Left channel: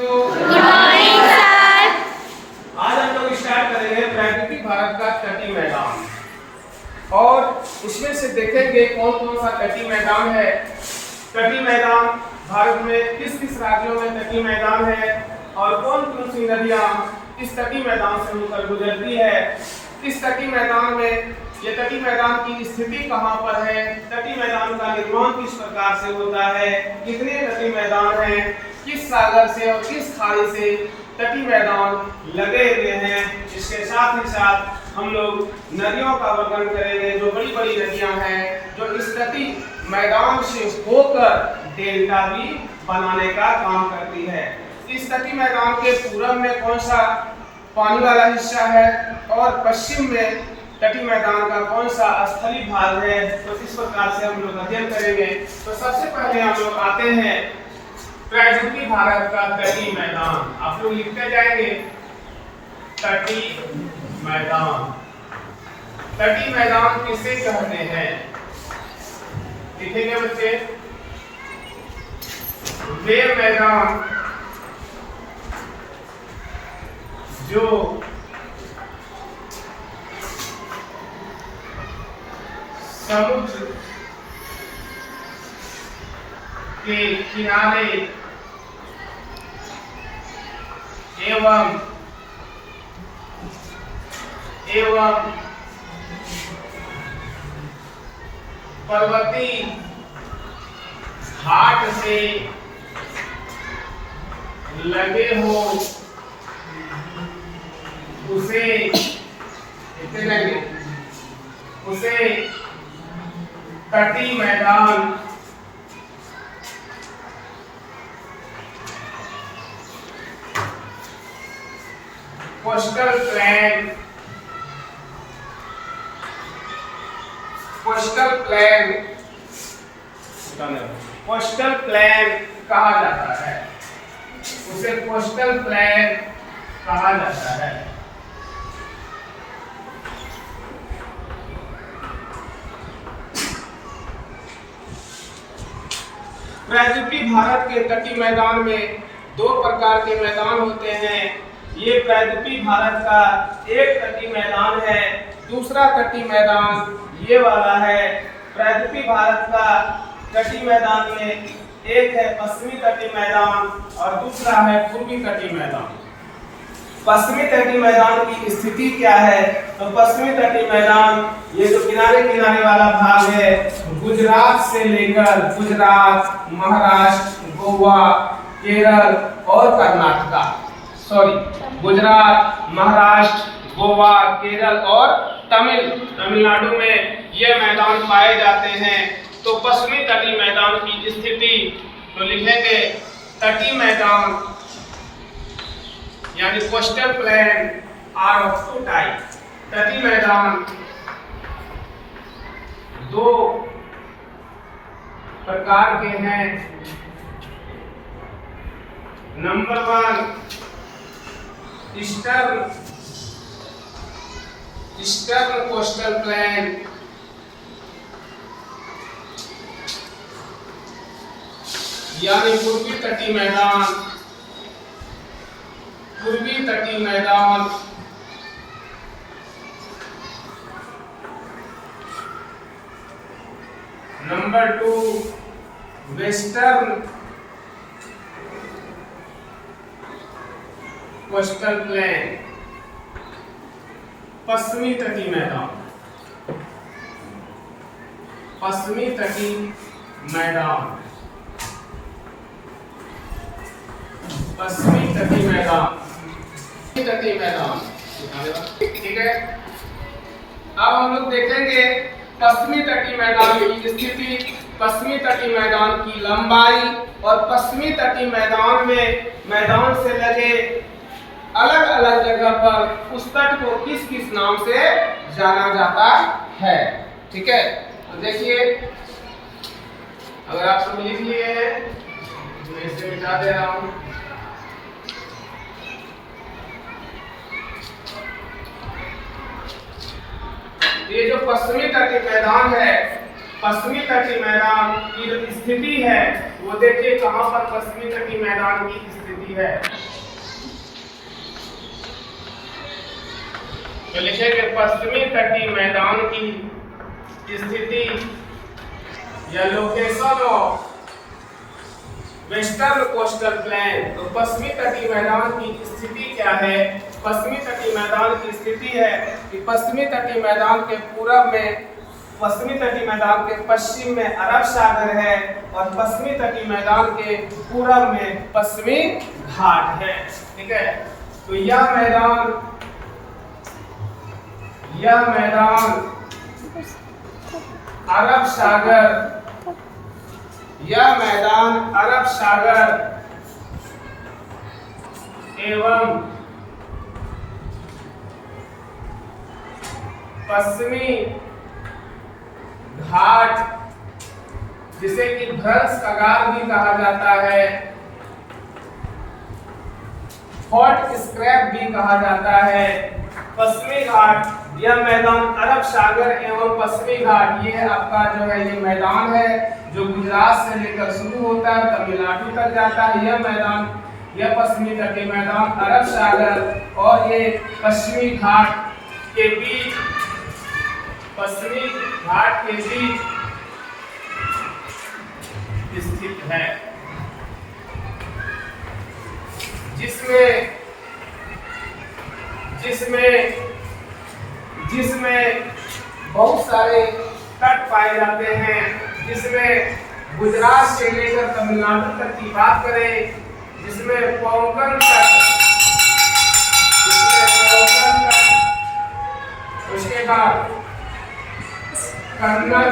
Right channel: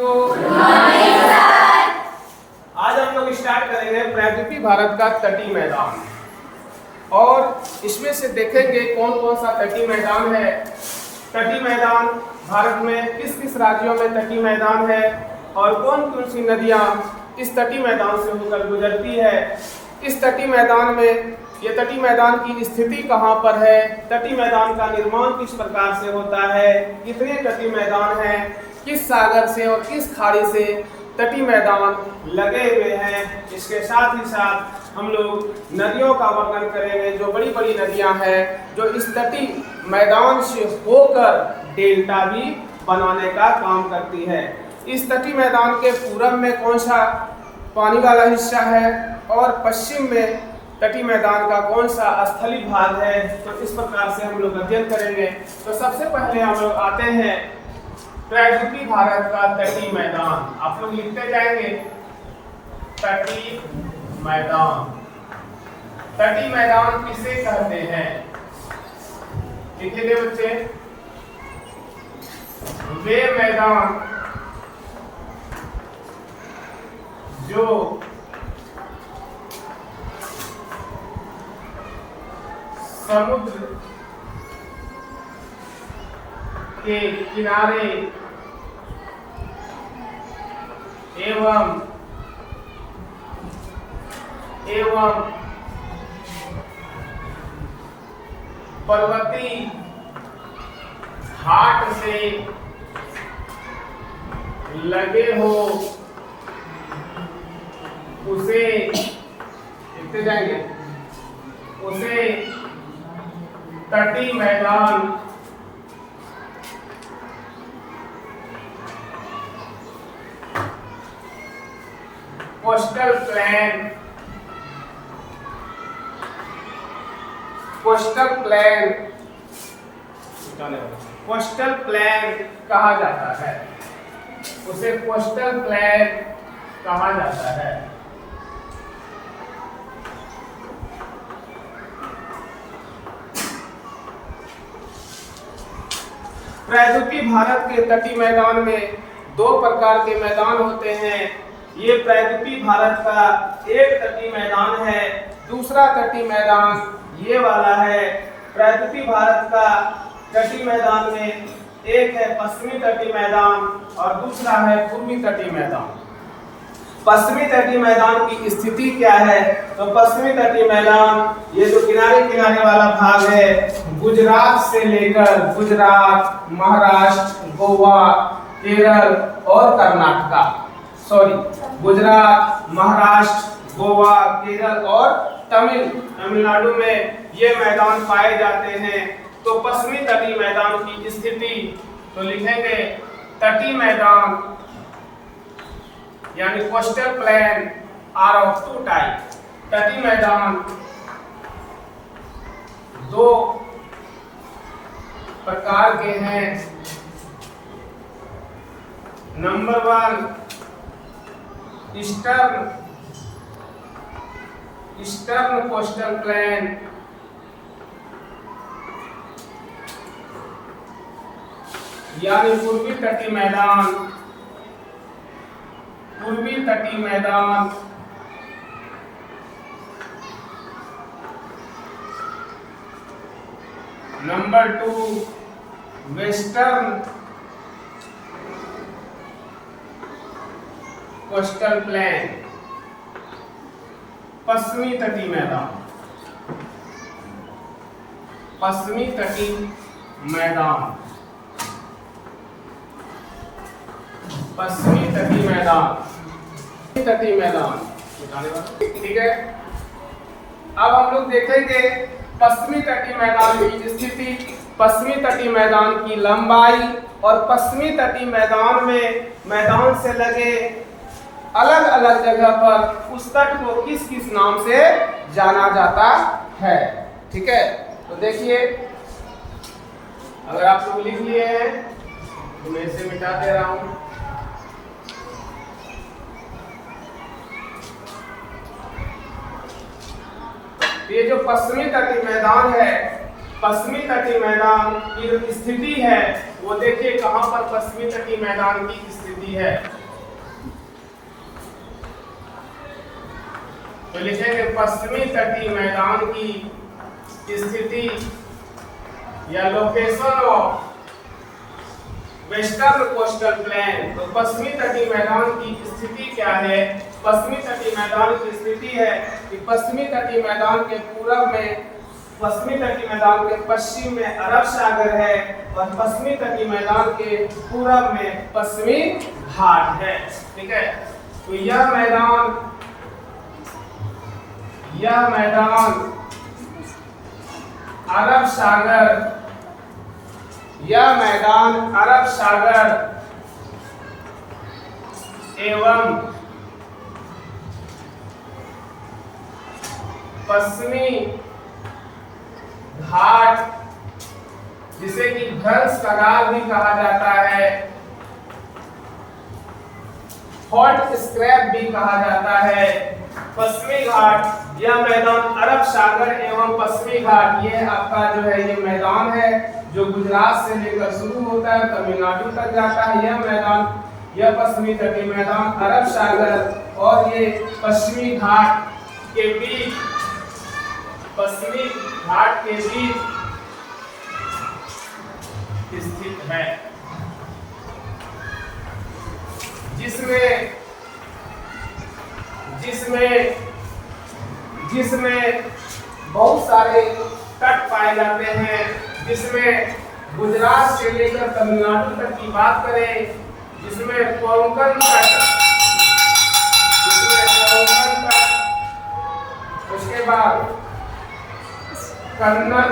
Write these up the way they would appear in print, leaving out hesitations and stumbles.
तो आज हम लोग स्टार्ट करेंगे प्रायद्वीपीय भारत का तटीय मैदान और इसमें से देखेंगे कौन कौन सा तटीय मैदान है। तटीय मैदान भारत में किस किस राज्यों में तटीय मैदान है और कौन कौन सी नदियां इस तटीय मैदान से होकर गुजरती है। इस तटीय मैदान में ये तटीय मैदान की स्थिति कहाँ पर है, तटीय मैदान का निर्माण किस प्रकार से होता है, कितने तटीय मैदान हैं, किस सागर से और किस खाड़ी से तटीय मैदान लगे हुए हैं। इसके साथ ही साथ हम लोग नदियों का वर्णन करेंगे, जो बड़ी बड़ी नदियां हैं जो इस तटीय मैदान से होकर डेल्टा भी बनाने का काम करती है। इस तटीय मैदान के पूरब में कौन सा पानी वाला हिस्सा है और पश्चिम में तटीय मैदान का कौन सा स्थलीय भाग है, तो इस प्रकार से हम लोग अध्ययन करेंगे। तो सबसे पहले हम लोग आते हैं प्रायद्वीपीय भारत का तटीय मैदान। आप लोग लिखते जाएंगे तटीय मैदान। तटीय मैदान किसे कहते हैं, लिखेंगे बच्चे। वे मैदान जो समुद्र के किनारे एवं पर्वतीय घाट से लगे हो उसे लिखते जाएंगे, उसे तटीय मैदान कोस्टल प्लेन कहा जाता है, उसे कोस्टल प्लेन कहा जाता है। प्रायद्वीपीय भारत के तटीय मैदान में दो प्रकार के मैदान होते हैं। ये प्रायद्वीपीय भारत का एक तटीय मैदान है, दूसरा तटीय मैदान ये वाला है। प्रायद्वीपीय भारत का तटीय मैदान में एक है पश्चिमी तटीय मैदान और दूसरा है पूर्वी तटीय मैदान। पश्चिमी तटीय मैदान की स्थिति क्या है, तो पश्चिमी तटीय मैदान ये जो किनारे किनारे वाला भाग है, गुजरात से लेकर गुजरात, महाराष्ट्र, गोवा, केरल और कर्नाटका, गुजरात, महाराष्ट्र, गोवा, केरल और तमिलनाडु में ये मैदान पाए जाते हैं। तो पश्चिमी तटीय मैदान की स्थिति तो लिखेंगे तटीय मैदान यानी coastal plain are of two type. तटीय मैदान दो प्रकार के हैं। नंबर 1 ईस्टर्न कोस्टल प्लेन, यानी पूर्वी तटीय मैदान। नंबर 2 वेस्टर्न कोस्टल प्लेन, पश्चिमी तटीय मैदान। ठीक है। अब हम लोग देखेंगे पश्चिमी तटीय मैदान की स्थिति, पश्चिमी तटीय मैदान की लंबाई और पश्चिमी तटीय मैदान में मैदान से लगे अलग अलग जगह पर उस तट को किस किस नाम से जाना जाता है। ठीक है, तो देखिए अगर आप लोग लिख लिए हैं तो मैं इसे मिटा दे रहा हूं। ये जो पश्चिमी तटीय मैदान है, पश्चिमी तटीय मैदान की जो स्थिति है वो देखिए कहां पर पश्चिमी तटीय मैदान की स्थिति स्थिति है। तो लिखेंगे पश्चिमी तटीय मैदान की स्थिति या location of western coastal plain. तो पश्चिमी तटीय मैदान की स्थिति क्या है? पश्चिमी तटीय मैदान की स्थिति है कि पश्चिमी तटीय मैदान के पूरब में, पश्चिमी तटीय मैदान के पश्चिम में अरब सागर है और पश्चिमी तटीय मैदान के पूरब में पश्चिमी घाट है। ठीक है, तो यह मैदान अरब सागर, यह मैदान अरब सागर एवं पश्चिमी घाट, जिसे कि भ्रंश कगार भी कहा जाता है, हॉट स्क्रैप भी कहा जाता है, पश्चिमी घाट, यह मैदान अरब सागर एवं पश्चिमी घाट, ये आपका जो है ये मैदान है जो गुजरात से लेकर शुरू होता है तमिलनाडु तक जाता है। यह मैदान, यह पश्चिमी तटीय मैदान अरब सागर और ये पश्चिमी घाट के बीच, पश्चिमी घाट के बीच स्थित है, जिसमें बहुत सारे तट पाए जाते हैं, जिसमें गुजरात से लेकर तमिलनाडु तक की बात करें, जिसमें कोंकण तट, उसके बाद कन्नड़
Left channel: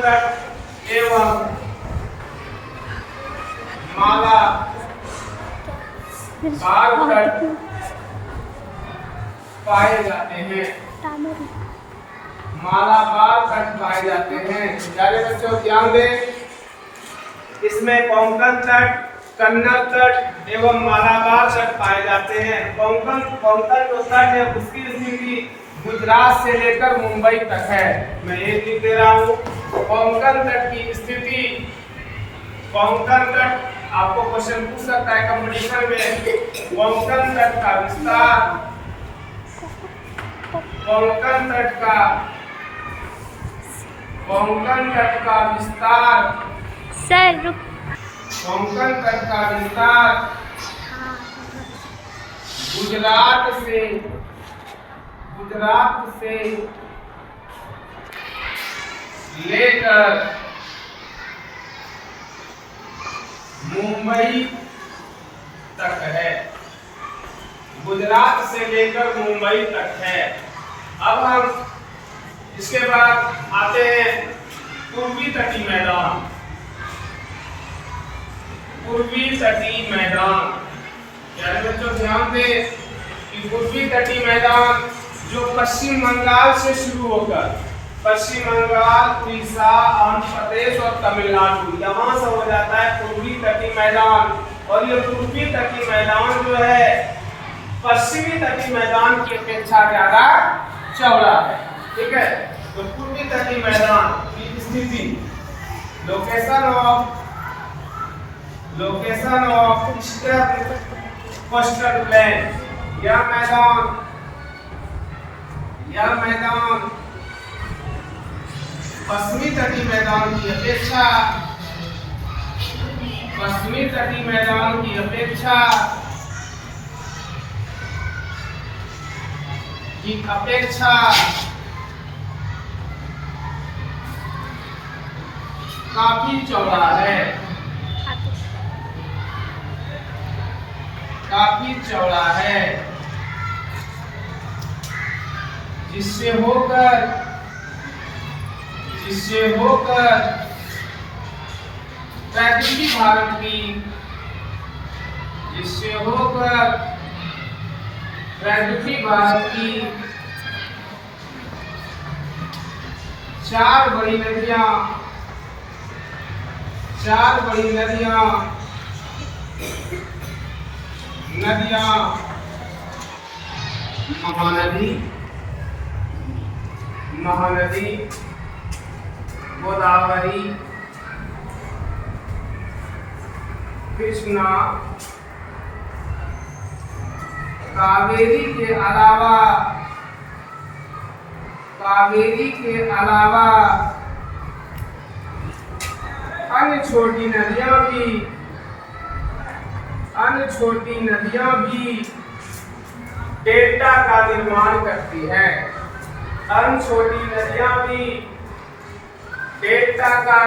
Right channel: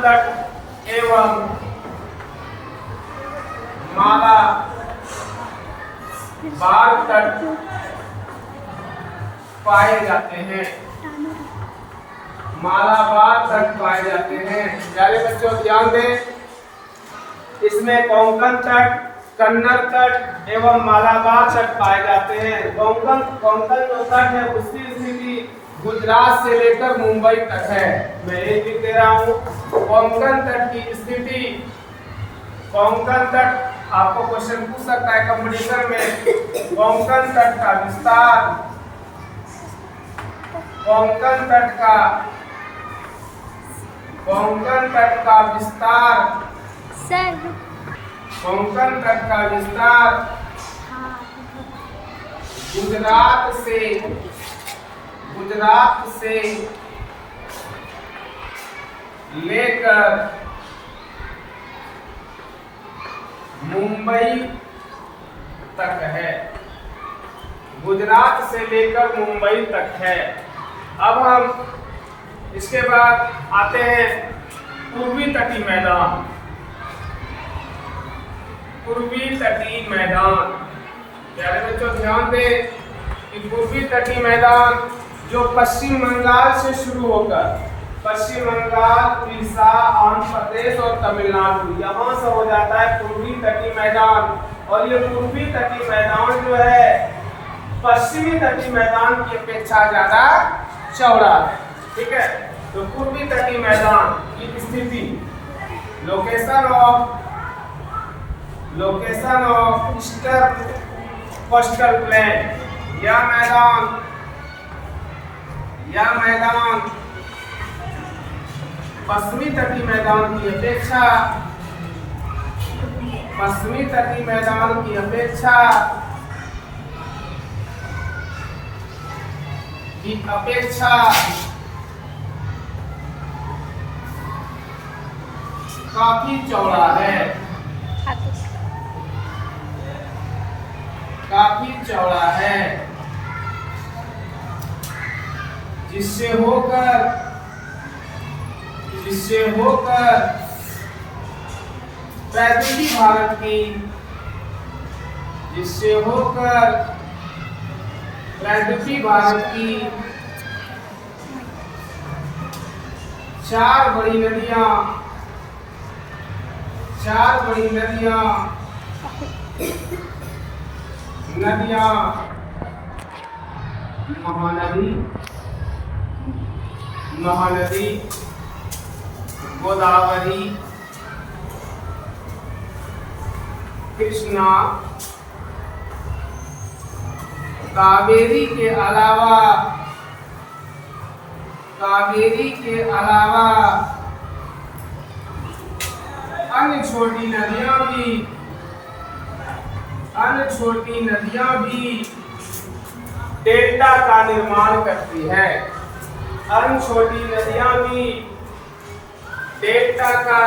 तट एवं मालाबार तट पाए जाते हैं, मालाबार तट पाए जाते हैं। प्यारे बच्चों ध्यान दें, इसमें कोंकण तट, कन्नड़ तट एवं मालाबार तट पाए जाते हैं। कोंकण जो तट है उसकी स्थिति गुजरात से लेकर मुंबई तक है। मैं ये लिख दे रहा हूँ, कोंकण तट की स्थिति, कोंकण तट आपको क्वेश्चन पूछ सकता है कंपटीशन में, कोंकण तट का विस्तार, कोंकण तट का विस्तार, सर कोंकण तट का विस्तार गुजरात से लेकर मुंबई तक है, गुजरात से लेकर मुंबई तक है। अब हम इसके बाद आते हैं पूर्वी तटीय मैदान। पूर्वी तटीय मैदान, प्यारे बच्चों ध्यान दें कि पूर्वी तटीय मैदान जो पश्चिम बंगाल से शुरू होकर पश्चिम बंगाल, उड़ीसा, आंध्र प्रदेश और तमिलनाडु, यहाँ से हो जाता है पूर्वी तटीय मैदान। और ये पूर्वी तटीय मैदान जो है पश्चिमी तटीय मैदान की अपेक्षा ज्यादा चौड़ा है। ठीक है, तो पूर्वी तटीय मैदान की स्थिति, location of eastern coastal plain, यह मैदान पश्चिमी तटीय मैदान की अपेक्षा, पश्चिमी तटीय मैदान की अपेक्षा काफी चौड़ा है, काफी चौड़ा है, जिससे होकर प्राकृतिक भारत की, जिससे होकर प्राकृतिक भारत की चार बड़ी नदियां महानदी, गोदावरी, कृष्णा, कावेरी के अलावा अन्य छोटी नदियां भी डेल्टा का निर्माण करती है। अन्य छोटी नदियां भी डेल्टा का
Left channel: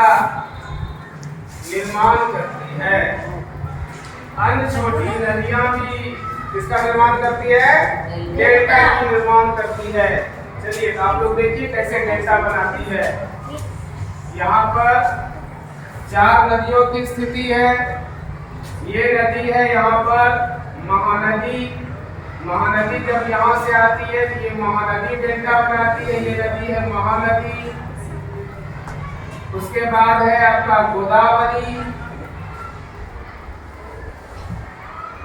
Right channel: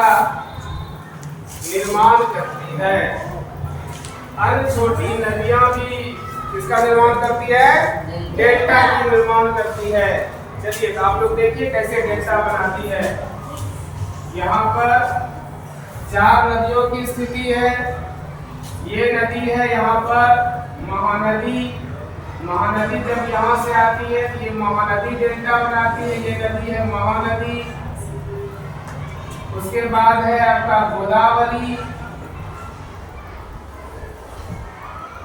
निर्माण करती है। अन्य छोटी नदियां भी किसका निर्माण करती है? डेल्टा की निर्माण करती है। चलिए तो आप लोग देखिए कैसे डेल्टा बनाती है। यहाँ पर 4 नदियों की स्थिति है। ये नदी है यहाँ पर महानदी। महानदी जब यहाँ से आती है तो ये महानदी डेल्टा बनाती है। ये नदी है महानदी। उसके बाद है आपका गोदावरी,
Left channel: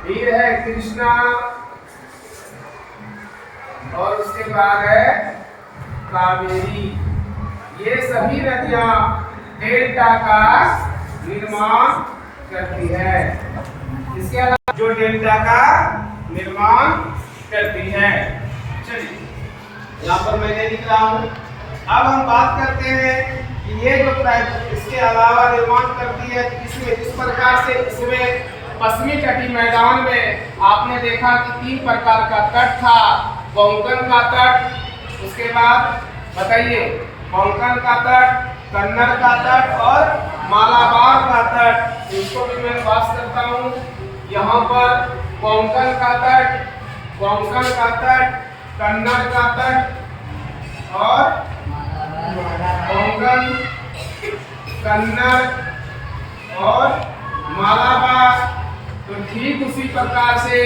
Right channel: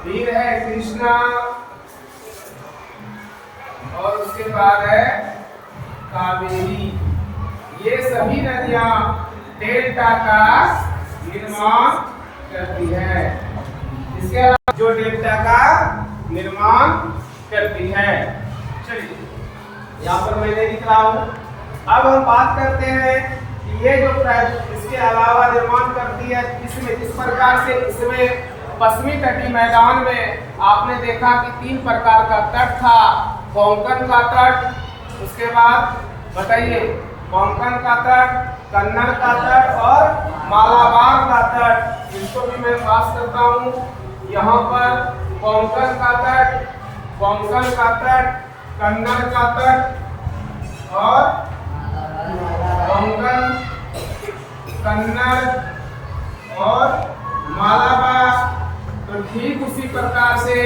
फिर है कृष्णा और उसके बाद है कावेरी। ये सभी नदियां डेल्टा का निर्माण करती है। इसके अलावा जो डेल्टा का निर्माण करती है। चलिए यहाँ पर मैंने लिख रहा हूँ। अब हम बात करते हैं कि ये जो इसके अलावा निर्माण करती है, इसमें जिस प्रकार से इसमें पश्चिमी तटीय मैदान में आपने देखा कि 3 प्रकार का तट था। कोंकण का तट, उसके बाद बताइए कोंकण का तट, कन्नड़ का तट और मालाबार का तट। इसको भी मैं पास करता हूँ। यहाँ पर कोंकण का तट, कन्नड़ का तट और कोंकण, कन्नड़ और मालाबार। तो ठीक उसी प्रकार से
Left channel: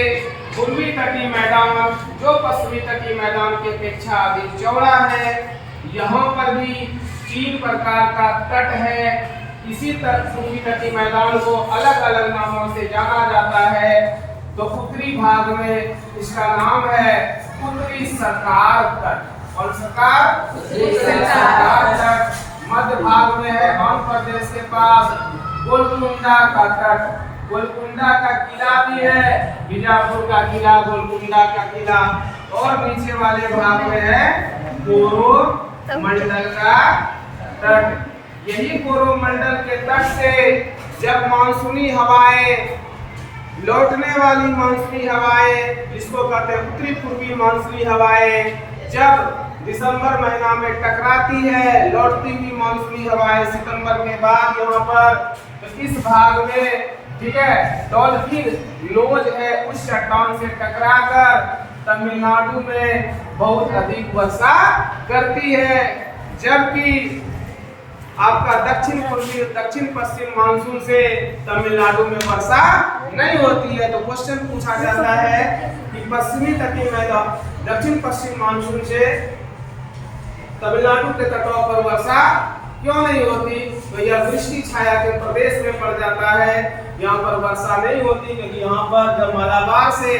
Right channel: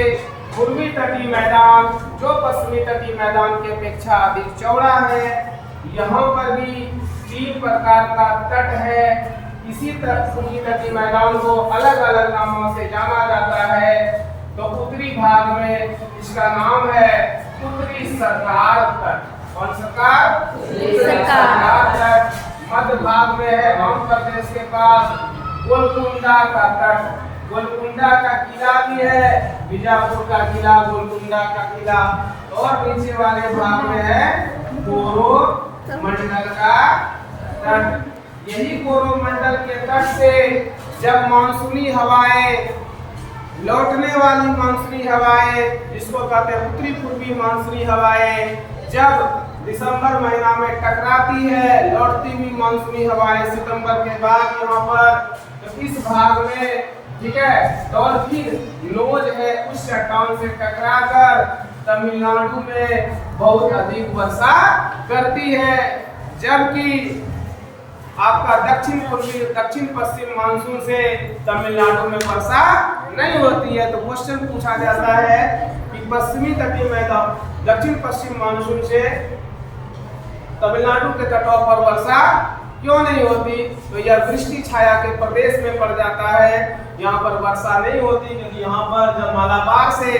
पूर्वी तटीय मैदान जो पश्चिमी तटीय मैदान की अपेक्षा अधिक चौड़ा है, यहाँ पर भी 3 प्रकार का तट है। इसी तरह पूर्वी तटीय मैदान को अलग अलग नामों से जाना जाता है। तो उत्तरी भाग में इसका नाम है उत्तरी सरकार तट। कौन सरकार? उत्तरी सरकार तट। मध्य भाग में है आंध्र प्रदेश के पास गोलकुंडा का तट। गोलकुंडा का किला भी है, बीजापुर का किला, गोलकुंडा का किला। और नीचे वाले भाग में है कोरोमंडल का तट। यही कोरोमंडल के तट से जब मानसूनी हवाएं, लौटने वाली मानसूनी हवाएं, जिसको कहते हैं उत्तरी पूर्वी मानसूनी हवाएं, जब दिसंबर महीना में टकराती है, लौटती हुई मानसूनी हवाएं सितंबर के बाद यहाँ पर, तो इस भाग में ठीक है डॉल्फिन नोज है उस चट्टान से टकराकर तमिलनाडु में बहुत अधिक वर्षा करती है। जबकि आपका दक्षिण पश्चिम मानसून से तमिलनाडु में वर्षा नहीं होती है। तो क्वेश्चन पूछा जाता है कि पश्चिमी तटीय मैदान दक्षिण पश्चिम मानसून से तमिलनाडु के तटों पर वर्षा क्यों नहीं होती? तो यह वृष्टि छाया के प्रदेश में पड़ जाता है। यहाँ पर वर्षा नहीं होती क्योंकि यहाँ पर जब मालाबार से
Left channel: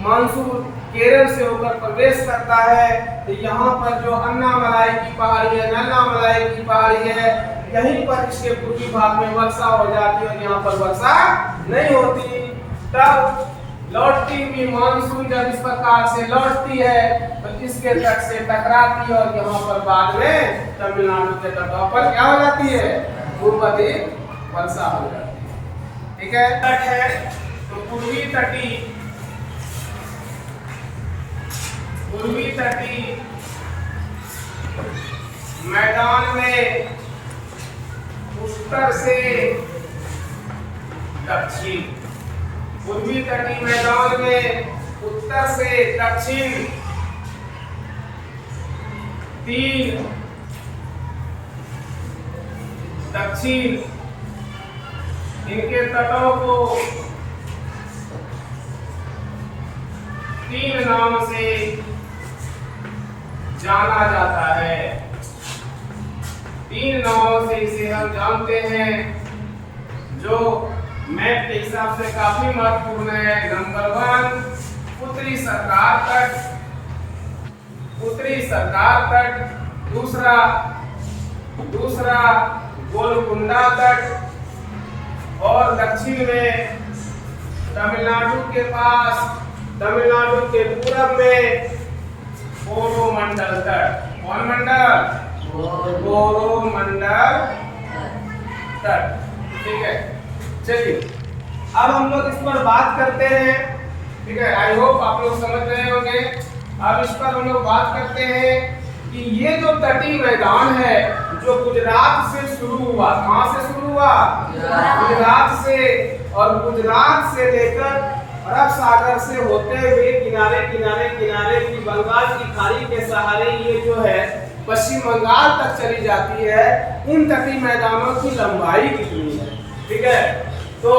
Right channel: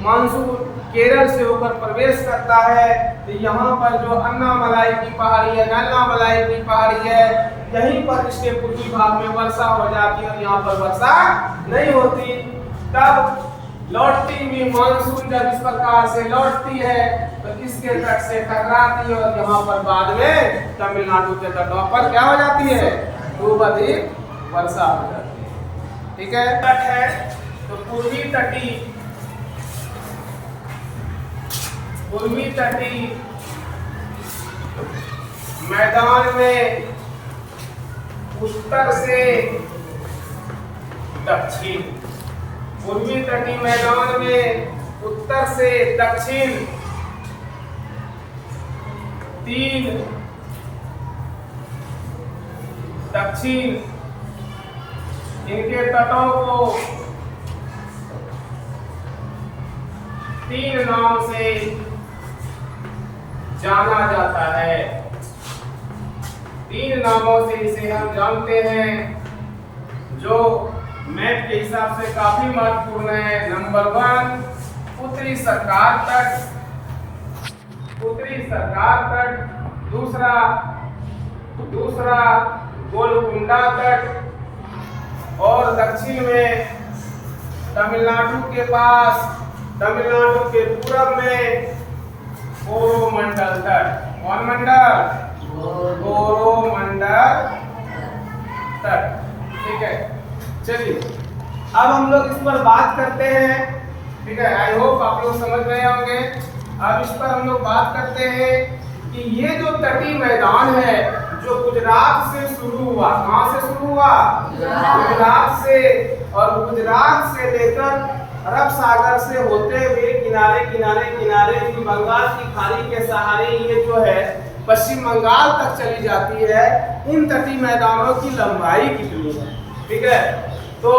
मानसून केरल से होकर प्रवेश करता है तो यहाँ पर जो अन्नामलाई की पहाड़ी है, नन्नामलाई की पहाड़ी है, यहीं पर इसके पूर्वी भाग में वर्षा हो जाती है और यहाँ पर वर्षा नहीं होती। तब लौटती हुई मानसून जब इस प्रकार से लौटती है तो इसके तट से टकराती है और यहाँ पर बाद में तमिलनाडु के तटों पर क्या हो जाती है? खूब अधिक वर्षा हो जाती है। ठीक है, तट है तो पूर्वी तटीय मैदान में उत्तर से दक्षिण, पूर्वी तटीय मैदान में उत्तर से दक्षिण 3 दक्षिण इनके तटों को 3 नाम से जाना जाता है। 3 नामों से इसे हम जानते हैं जो मैप के हिसाब से काफी महत्वपूर्ण है। नंबर 1 उत्तरी सरकार तट, दूसरा गोलकुंडा तट और दक्षिण में तमिलनाडु के पास, तमिलनाडु के पूरब में कोरोमंडल तट। कौन मंडल? कोरोमंडल तट। ठीक है, चलिए अब हम लोग इस पर बात करते हैं। ठीक है, आई होप आप लोग समझ रहे होंगे। अब इस पर हम लोग बात करते हैं कि ये जो तटीय मैदान है जो गुजरात से शुरू हुआ, कहाँ से शुरू हुआ? गुजरात से, और गुजरात से लेकर अरब सागर से होते हुए किनारे किनारे किनारे की बंगाल की खाड़ी के सहारे ये जो है पश्चिम बंगाल तक चली जाती है। उन तटीय मैदानों की लंबाई कितनी है? ठीक है, तो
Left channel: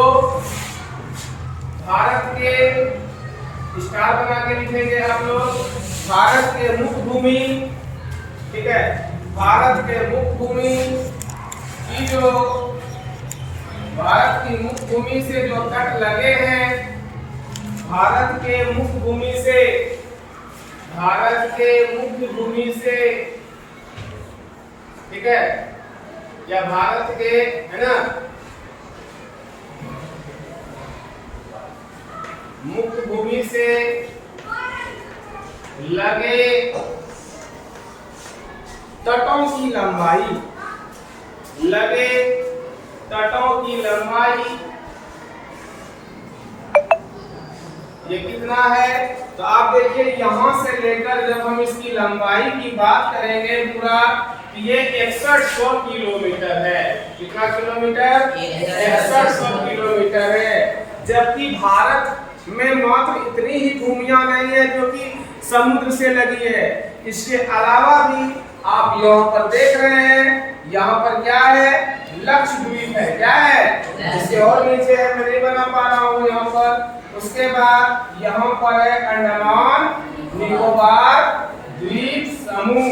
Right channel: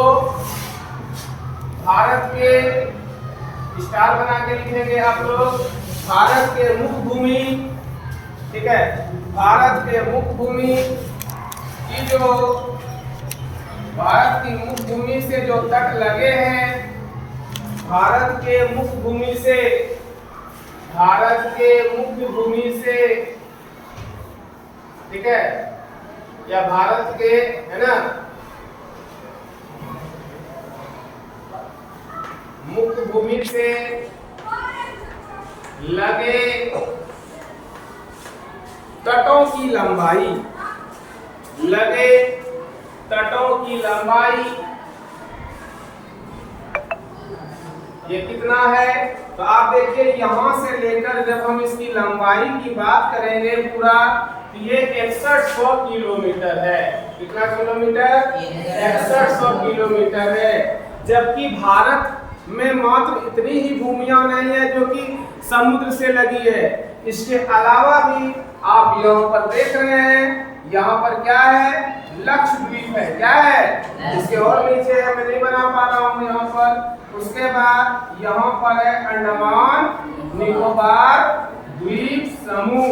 भारत के स्टार बना के लिखेंगे आप लोग। भारत के मुख्य भूमि, ठीक है, भारत के मुख्य भूमि की जो, भारत की मुख्य भूमि से जो तट लगे हैं, भारत के मुख्य भूमि से, भारत के मुख्य भूमि से, ठीक है, या भारत के, है ना, मुख्य भूमि से लगे तटों की लंबाई, लगे तटों की लंबाई ये कितना है? तो आप देखिए यहां से लेकर जब हम इसकी लंबाई की बात करेंगे पूरा, तो ये 6100 किलोमीटर है। कितना किलोमीटर? 6100 किलोमीटर है। जबकि भारत में मात्र इतनी ही भूमियां नहीं है जो कि समुद्र से लगी है। इसके अलावा भी आप यहाँ पर देख रहे हैं, यहाँ पर क्या है? लक्षद्वीप है। क्या है? इसके और नीचे है, मैं नहीं बना पा रहा हूँ यहाँ पर। उसके बाद यहाँ पर है अंडमान निकोबार द्वीप समूह।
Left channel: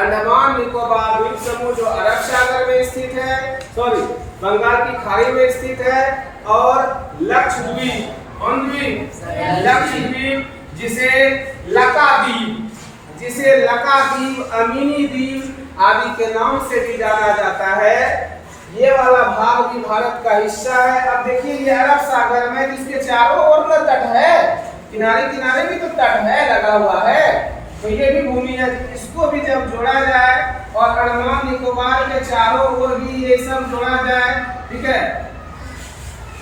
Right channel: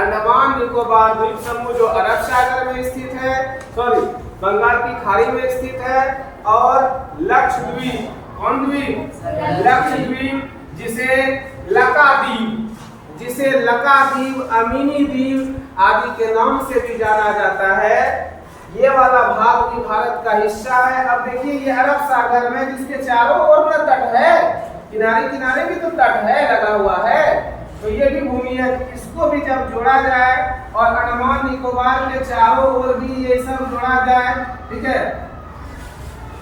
अंडमान निकोबार द्वीप समूह जो अरब सागर में स्थित है, सॉरी बंगाल की खाड़ी में स्थित है। और लक्षद्वीप, कौन द्वीप? लक्षद्वीप, जिसे लकाद्वीप, जिसे लकाद्वीप, अमीनी द्वीप आदि के नाम से भी जाना जाता है। ये वाला भाग भी भारत का हिस्सा है। अब देखिए ये अरब सागर में जिसके चारों ओर में तट है, किनारे किनारे भी तो तट है, लगा हुआ है, तो ये भी भूमि है। इसको भी जब जोड़ा जाए और अंडमान निकोबार के चारों ओर भी ये सब जोड़ा जाए, ठीक है,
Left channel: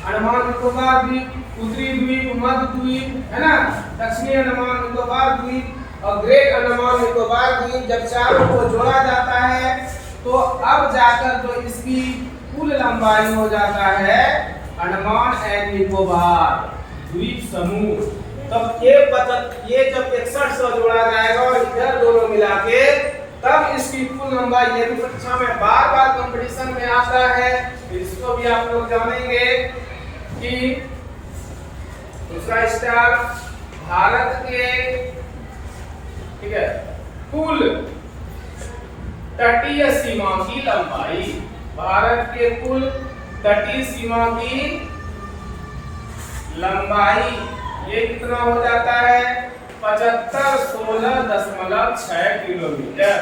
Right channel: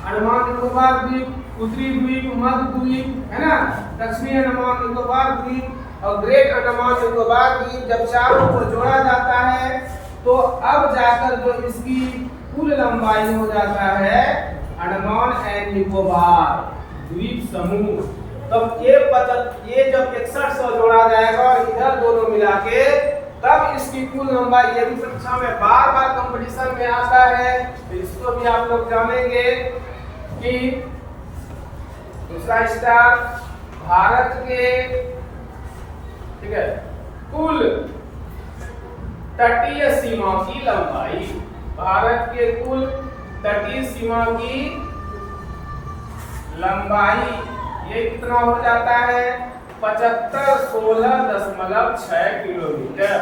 अंडमान निकोबार द्वीप, उत्तरी द्वीप, मध्य द्वीप, है ना, दक्षिणी अंडमान निकोबार द्वीप और ग्रेट अंडमान निकोबार द्वीप, जब चारों को जोड़ा जाता है तो अब जाकर जो इसकी कुल लंबाई हो जाता है अंडमान एंड निकोबार द्वीप समूह। तब ये जब 6100 जोड़ा जाएगा और इधर दोनों मिला के तब इसकी कुल लंबाई, ये भी परीक्षा में बार बार कंपटीशन में आता है, तो इसको भी आप लोग जानेंगे कि दूसरा स्टार भारत के, ठीक है, कुल तटीय सीमा की लंबाई, भारत के कुल तटीय सीमा की लंबाई ये कितना हो जाता है? 7516.6 किलोमीटर,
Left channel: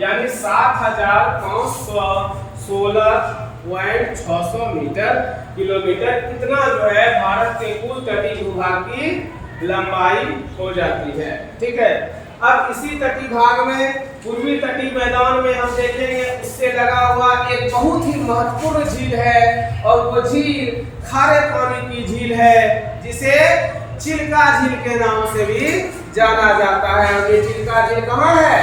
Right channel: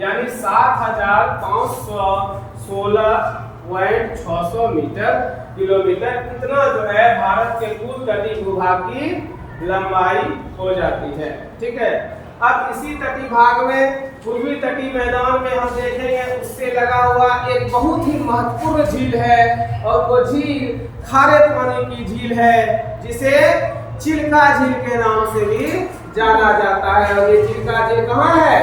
यानी 7516.600 मीटर किलोमीटर। इतना जो है भारत के कुल तटीय भूभाग की लंबाई हो जाती है। ठीक है, अब इसी तटीय भाग में पूर्वी तटीय मैदान में हम देखेंगे उससे लगा हुआ एक बहुत ही महत्वपूर्ण झील है, और वो झील खारे पानी की झील है जिसे चिल्का झील के नाम से भी जाना जाता है। और ये चिल्का झील कहाँ है?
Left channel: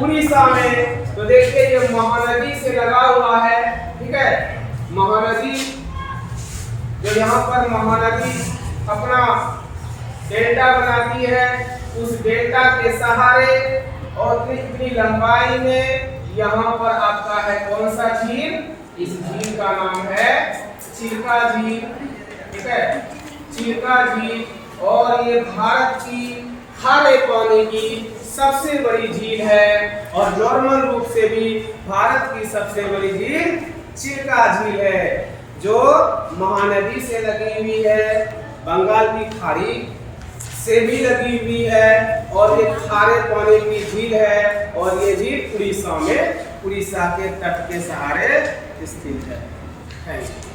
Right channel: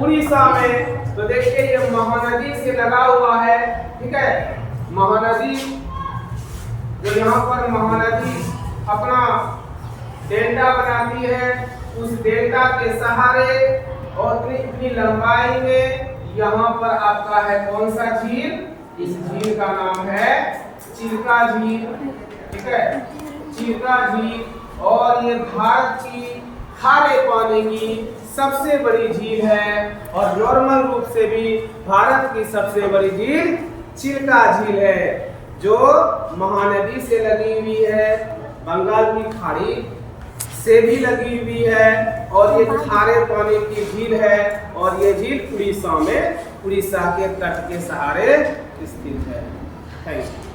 उड़ीसा में। तो देखिए ये महानदी से लगा हुआ है, ठीक है, महानदी जो यहाँ पर महानदी अपना डेल्टा बनाती है, उस डेल्टा के सहारे और इतनी लंबाई में यहाँ पर आपका है कौन सा झील? इस झील का नाम है चिल्का झील, ठीक है, चिल्का झील। और ये भारत की खारे पानी की सबसे बड़ी झील है, और नॉर्मल रूप से भी भारत की सबसे बड़ी झील चिल्का झील है, जो महानदी से लगी हुई है, बंगाल की खाड़ी से भी लगी हुई है, और ये खारे पानी की झील है। और ये झील उड़ीसा में, उड़ीसा के तट के सहारे स्थित है। Thank you.